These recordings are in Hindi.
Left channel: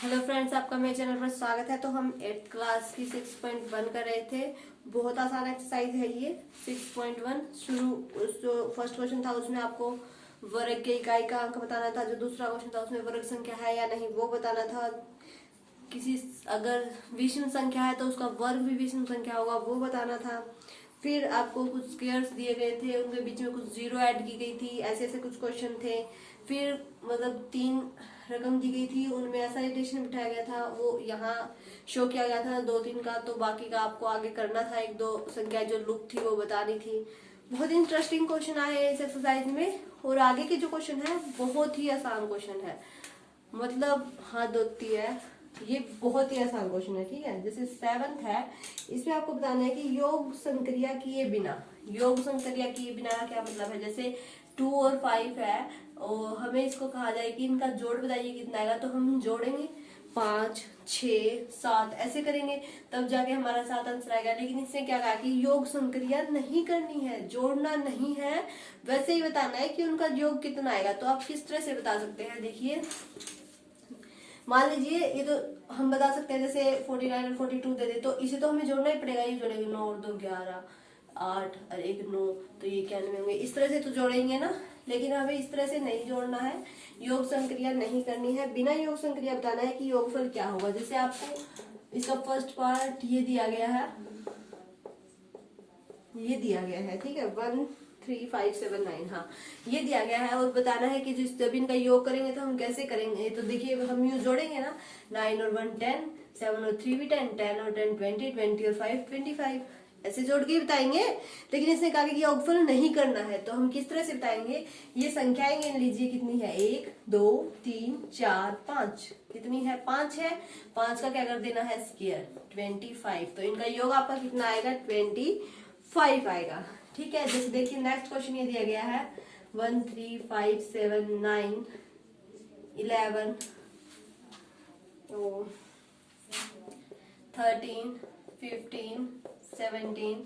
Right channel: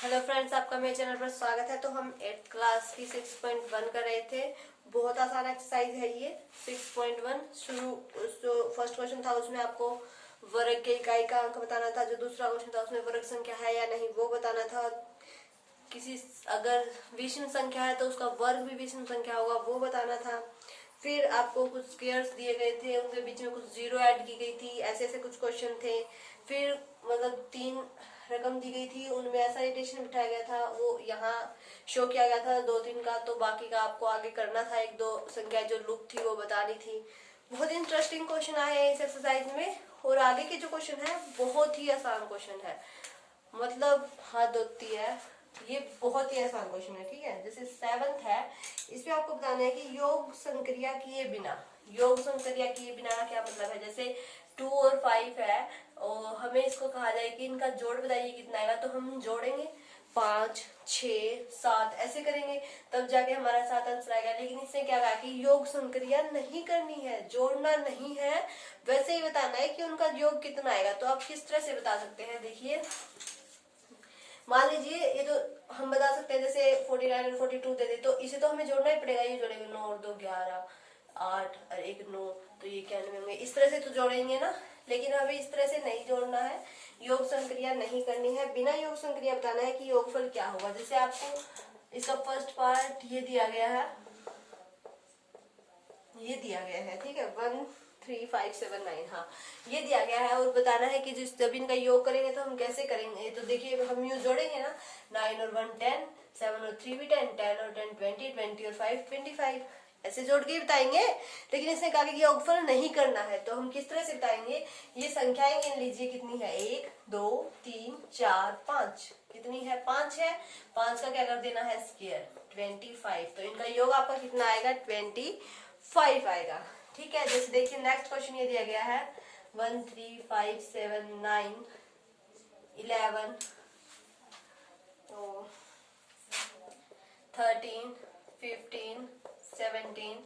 हेलो फ्रेंड्स, आपका मेरे चैनल पर स्वागत है। तो हम 8th क्लास की 6.1 कर रहे थे। बहुत आसान एक्सरसाइज है ये 6.1। शुरू जो फर्स्ट क्वेश्चन था उसमें आपको वर्ग के इकाई का अंक बताना था। जो दूसरा क्वेश्चन था उसमें वर्ग संख्या है या नहीं वो बताना था। किसी अगर विषम संख्या है तो उसका वर्ग भी विषम संख्या होगा वो बताना था। फिर आपको कुछ स्क्वायर्स दिए गए थे, उनके बीच में कुछ जीरो ऐड की गई थी, ऐसे ऐसे कुछ क्वेश्चन थे। फिर मतलब 3 रकम दी गई थी, उनमें ऐसा रिलेशन बिठाया गया था, वो यहाँ शो किया गया था 2-3 का। तो बाकी का आपको आगे करना था, 1-2 संख्या जो लुप्त थी वो बतानी थी। बहुत इंटरेस्टिंग क्वेश्चन आए हैं इस एक्सरसाइज में। और आगे के जो क्वेश्चन है बहुत ही आसान क्वेश्चन है, मतलब हद होती है। ये बहुत ही आसान क्वेश्चन है, ठीक है। जैसे 7th है, इसमें आपको बताना है कि योग संक्रिया किए बिना, योग संक्रिया किए बिना का क्या मतलब है। जैसे 2 और 5 है और हमें इसको कहा जाए कि इनका जोड़ बताइए कितना आएगा, तो हम जोड़ेंगे 5, 6, 7 ऐसे करेंगे तब जाके हमारा 7 आंसर आएगा। लेकिन इसने क्या कहा कि योग संक्रिया नहीं करनी है, जोड़ना नहीं है, वैसे ही बताना है कि उनका योग कितना आएगा। तो आप किस तरह से बता सकते हैं, देखिए मान लीजिए ये तो हम बता सकते हैं, जैसे 49 और 42 दे दे तो इसे तो हमें जोड़ना ही पड़ेगा। ये जोड़ेंगे 9 और 2 11, 8 और 1 9, तो ये क्या होंगे, इस तरह से तो जोड़ेंगे ना। लेकिन हमें इस तरह से नहीं जोड़ना है, योग संक्रिया नहीं करनी है। बिना योग संक्रिया बताना है कि योगफल क्या होगा। जैसे आपको इसका फर्स्ट पार्ट ये दिया गया है, ये दिया गया है, ठीक है, 1 3 5 7 9, हाँ ये दिया गया है। और बताना है कि जब इनका योग करेंगे तो हम कैसे करेंगे। तो देखिए हम यूज जोड़ेंगे ना, 9 और 1 10, 7 और 3 भी 10, 10 और 10 20, 20 और 5 25, ऐसे जोड़ के बताएंगे। लेकिन इसने कहा कि योगफल नहीं करना है, तो हम किस तरह से बताएंगे। ये संख्याएं गिन लीजिए कितनी है, 1 2 3 4 5, कितनी है 5 है। 5 का क्या कर देना है स्क्वायर, 25। तो इनका योग आपका कितना आएगा 25 आएगा, ठीक है। जैसे देखिए नेक्स्ट क्वेश्चन ये दिया गया है 1 3 5 7 9 11 तो 13 15 17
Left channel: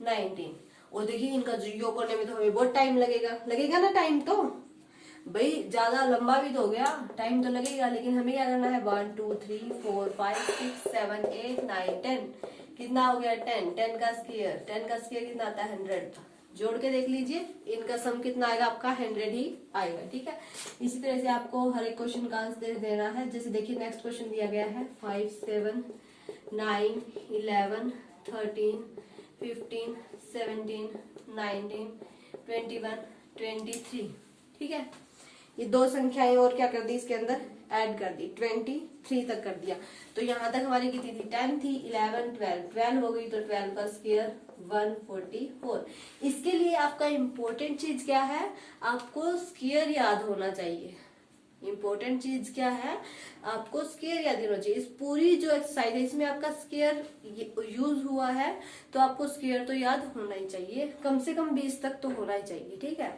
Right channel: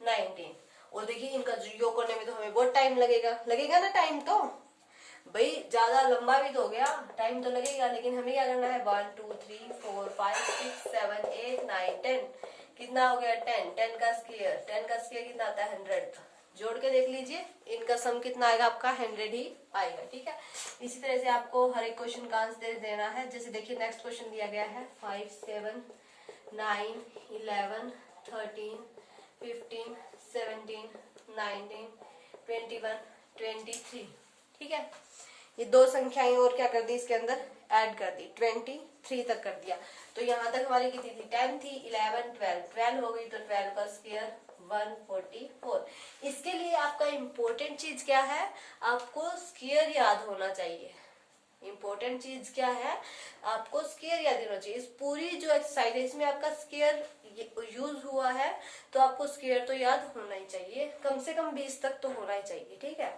19। और देखिए इनका योग करने में तो हमें बहुत टाइम लगेगा ना। टाइम तो भाई ज्यादा लंबा भी तो हो गया, टाइम तो लगेगा। लेकिन हमें क्या करना है 1 2 3 4 5 6 7 8 9 10, कितना हो गया 10, 10 का स्क्वायर, 10 का स्क्वायर कितना आता है 100। जोड़ के देख लीजिए, इनका सम कितना आएगा आपका 100 ही आएगा, ठीक है। इसी तरह से आपको हर एक क्वेश्चन का आंसर देना है। जैसे देखिए नेक्स्ट क्वेश्चन दिया गया है 5 7 9 11 13 15 17 19 21 23, ठीक है। ये 2 संख्याएं और क्या कर दी इसके अंदर ऐड कर दी, 23 तक कर दिया। तो यहाँ तक हमारी कितनी थी 10 थी, 11 12, 12 हो गई तो 12 का स्क्वायर 144। इसके लिए आपका इम्पोर्टेंट चीज क्या है, आपको स्क्वायर याद होना चाहिए। इम्पोर्टेंट चीज क्या है, आपको स्क्वायर याद होना चाहिए। इस पूरी जो एक्सरसाइज है इसमें आपका स्क्वायर यूज हुआ है, तो आपको स्क्वायर तो याद होना ही चाहिए, कम से कम 20 तक तो होना ही चाहिए, ठीक है।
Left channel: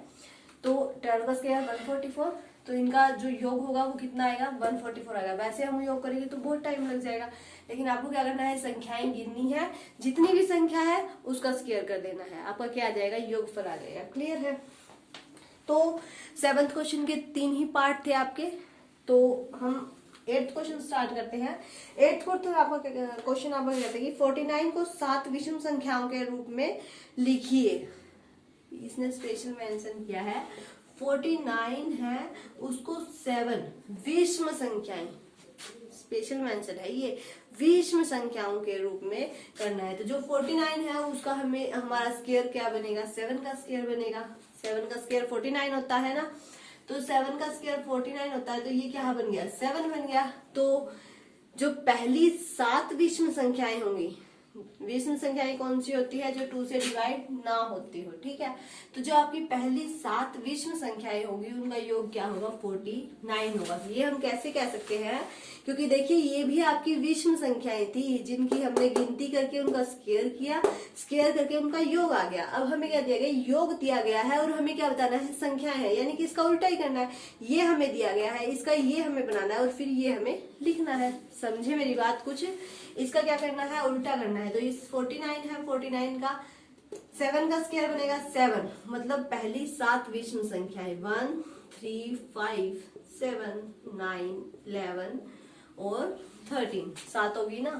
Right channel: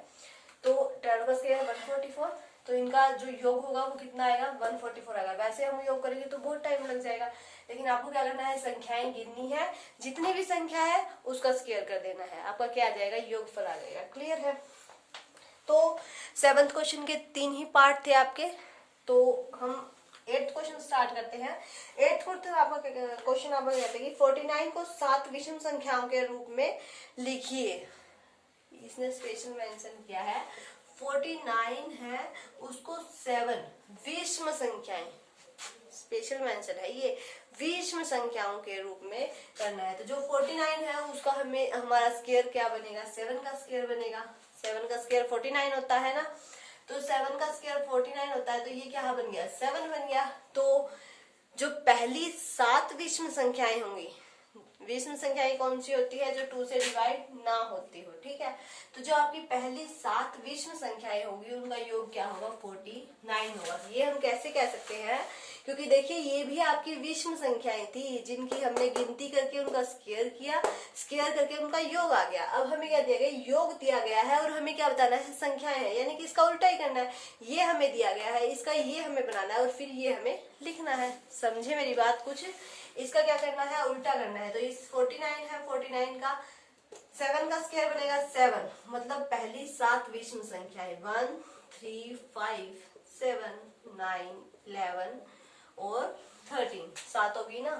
तो 12 का स्क्वायर 144, तो इनका जो योग होगा वो कितना आएगा 144 आएगा। वैसे हम योग करेंगे तो बहुत टाइम लग जाएगा, लेकिन आपको क्या करना है, संख्याएं गिननी है, जितनी भी संख्या है उसका स्क्वायर कर देना है, आपका क्या आ जाएगा योगफल आ जाएगा। क्लियर है। तो 7th क्वेश्चन के 3 ही पार्ट थे आपके। तो हम 8th क्वेश्चन स्टार्ट करते हैं। 8th क्वेश्चन आपका कहते हैं कि 49 को 7 विषम संख्याओं के रूप में लिखिए। इसने स्पेशल मेंशन किया है 49 है उसको 7 विषम संख्याएं, स्पेशल मेंशन है ये, विषम संख्याओं के रूप में करना है। तो जो 49 है उसका हमें हमारा स्क्वायर क्या बनेगा, 7 का स्क्वायर बनेगा। 7 का स्क्वायर 49 होता है ना, तो 7 का स्क्वायर 49 होता है, तो ये क्या बन गया 7 बन गया। तो जो पहली 7 विषम संख्याएं होंगी, विषम संख्याएं कौन सी होती है, जो 2 से डिवाइड ना होती हो, ठीक है। तो जो आपकी पहली 7 विषम संख्याएं होंगी उनका योग क्या होगा 49 होगा। ये हम कैसे कह सकते हैं, क्योंकि देखिए ये भी आपकी विषम संख्याएं थी जिनकी हमने गिनती करके उनका स्क्वायर किया, स्क्वायर करके उनका योग आ गया। अब हमें क्या दिया गया, योग दिया गया है और हमें क्या बताना है, संख्याएं है, यानी कि इसका उल्टा ही करना है। ये हमें दिया गया है, इसका ये हमें बनाना है और फिर ये हमें लिखना है। समझे मेरी बात कुछ, इसका क्या करना है उल्टा करना है। तो इस 49 है, 49 का 7 का स्क्वायर बनेगा 7, मतलब पहली 7 विषम संख्याएं 1 3 5 7 9 11 और 13, 7 होगी ना,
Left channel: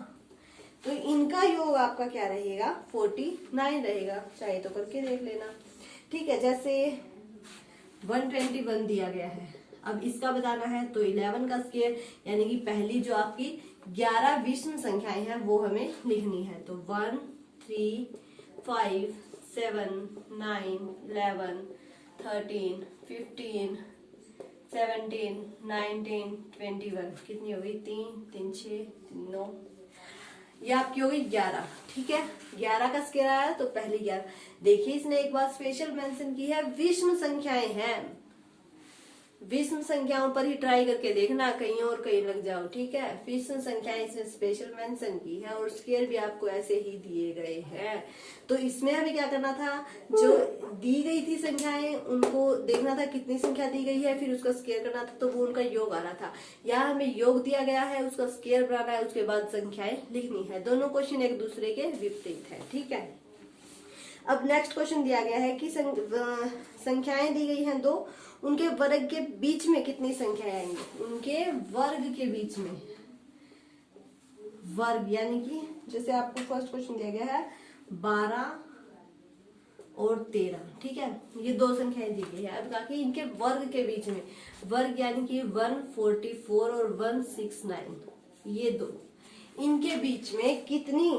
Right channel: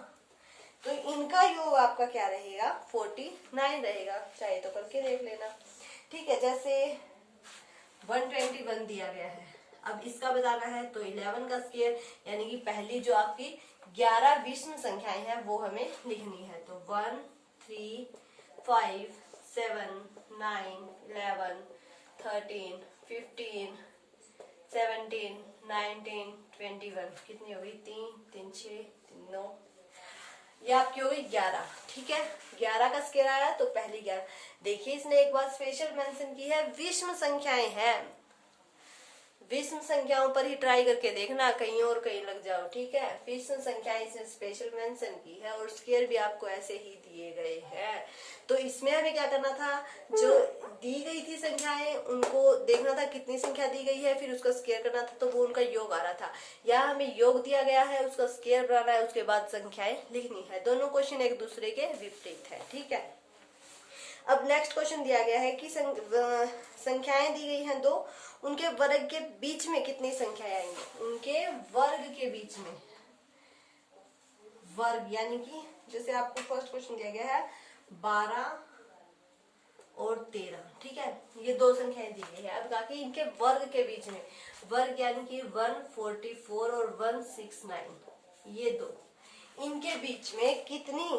तो इनका योग आपका क्या रहेगा 49 रहेगा। चाहे तो करके देख लेना। ठीक है, जैसे 121 दिया गया है, अब इसका बताना है तो 11 का स्क्वायर, यानी कि पहली जो आपकी 11 विषम संख्याएं हैं वो हमें लिखनी है। तो 1, 3, 5, 7, 9, 11, 13, 15, 17, 19, 21, कितनी हो गई 3, 3, 6, 9, ये आपकी हो गई 11। ठीक है, 11 का स्क्वायर आया तो पहली 11। देखिए इसने एक बात स्पेशल मेंशन की है, विषम संख्याएं हैं, विषम संख्याओं पर ही ट्राई करके देखना, कहीं और कहीं लग जाओ। ठीक है, विषम संख्याएं इसने स्पेशल मेंशन की है और स्क्वायर भी आपको ऐसे ही दिए गए हैं। तो इसमें हमें क्या करना था, जो दी गई थी संख्याएं उनको देखना था कितनी संख्या दी गई है, फिर उसका स्क्वायर करना था, तो वो उनका योग आ रहा था। यहाँ हमें योग दिया गया है, उसका स्क्वायर बनाना है, उसके बाद संख्याएं लिखनी है। दोनों क्वेश्चन एक दूसरे के विपरीत है। ठीक है, अब नेक्स्ट क्वेश्चन दिया गया है कि संख्याएं दी गई हैं 2, उनके वर्ग के बीच में कितनी संख्याएं आएंगी। उनके वर्ग के बीच में, वर्ग यानी कि जैसे आपको फर्स्ट क्वेश्चन दिया गया है 12 और 13। ठीक है, ये 2 संख्याएं दी गई है। अब बाकी इनके वर्ग के बीच में, वर्ग यानी कि 144 और 169, ये 2, इनके बीच में कितनी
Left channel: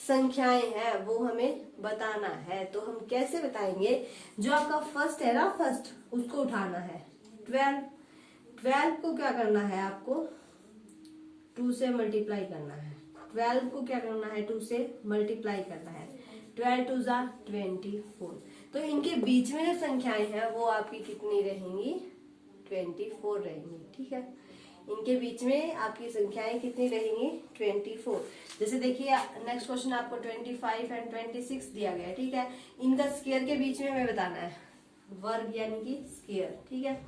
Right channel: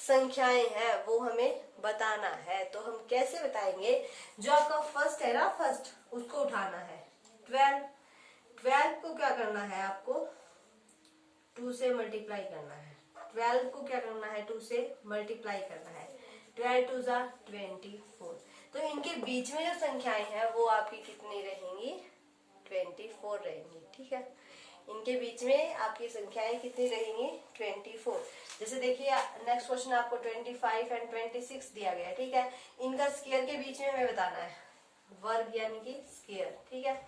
संख्याएं हैं वो हमें बताना है। तो हम कैसे बताएंगे, जो आपका फर्स्ट है ना, फर्स्ट उसको उठाना है 12, 12 को क्या करना है आपको 2 से मल्टीप्लाई करना है। 12 को क्या करना है 2 से मल्टीप्लाई करना है। 12 2 जा 24। तो इनके बीच में जो संख्याएं हैं वो आपकी कितनी रहेंगी 24 रहेंगी। ठीक है, इनके बीच में आपकी संख्याएं कितनी रहेंगी 24। जैसे देखिए नेक्स्ट क्वेश्चन आपको 25 एंड 26 दिया गया है। ठीक है, इनका स्क्वायर के बीच में हमें बताना है, वर्ग यानी कि स्क्वायर। ठीक है,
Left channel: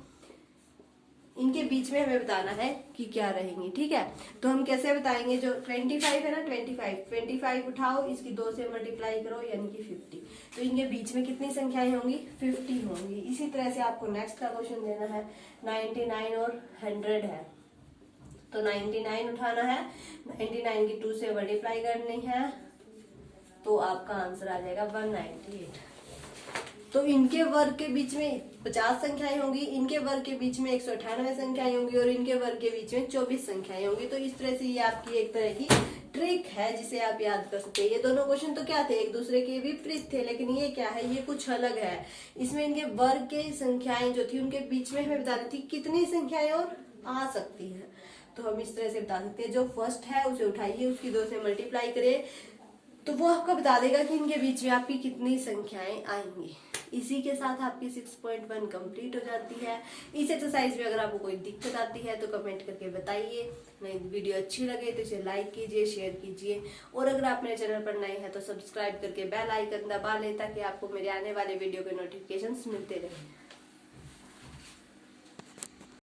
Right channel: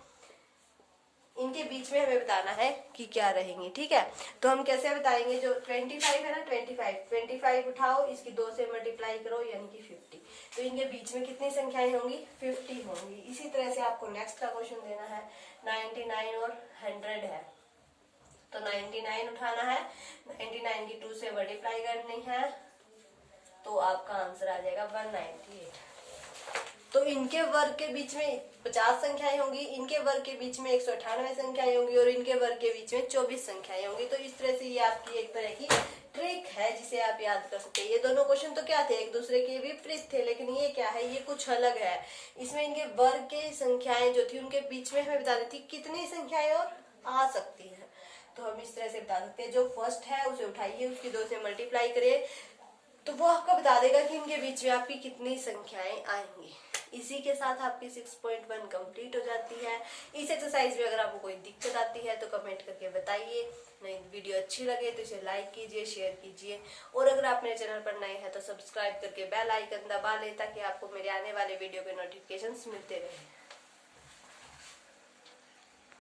इनके बीच में हमें बताना है कि क्या रहेंगी। ठीक है, तो हम कैसे बताएंगे, जो 25 है ना 25 उठाओ, इसकी 2 से मल्टीप्लाई करो यानी कि 50। तो इनके बीच में कितनी संख्याएं होंगी 50 होंगी। इसी तरह से आपको नेक्स्ट का क्वेश्चन देना है 99 और 100 है, तो 99 उठाना है, 99 की 2 से मल्टीप्लाई करनी है, तो आपका आंसर आ जाएगा 198। तो इनके वर्ग के बीच में 50 संख्याएं होंगी, इनके वर्ग के बीच में 198 संख्याएं होंगी और इनके वर्ग के बीच में 24 संख्याएं होंगी। तो इस तरह से ये आपकी एक तरह की ट्रिक है जिसे आप याद कर सकते हैं। ये दोनों क्वेश्चन तो क्या थे, एक दूसरे के विपरीत थे, लेकिन ये क्या है, ये कुछ अलग है। इसमें इनके वर्ग के संख्याएं जो थी उनके बीच में हमें बतानी थी कितनी संख्याएं और आ सकती है। तो हम इस तरह से बता सकते हैं, जो फर्स्ट है उसे उठाइए, उसकी 2 से मल्टीप्लाई करिए, तो वो आपको बता देगा कि इनके बीच में आपकी कितनी संख्याएं आएंगी। इसी के साथ आपकी 6.1 कंप्लीट हो जाती है। इस एक्सरसाइज में अगर आपको कोई दिक्कत आती है तो कमेंट करके बताइए। नई वीडियो अच्छी लगे तो इसे लाइक कीजिए, शेयर कीजिए, और अगर आप मेरे चैनल पर नए हैं तो सब्सक्राइब करके बेल आइकन दबा लें ताकि आपको मेरे आने वाले वीडियो के नोटिफिकेशंस मिलते रहें।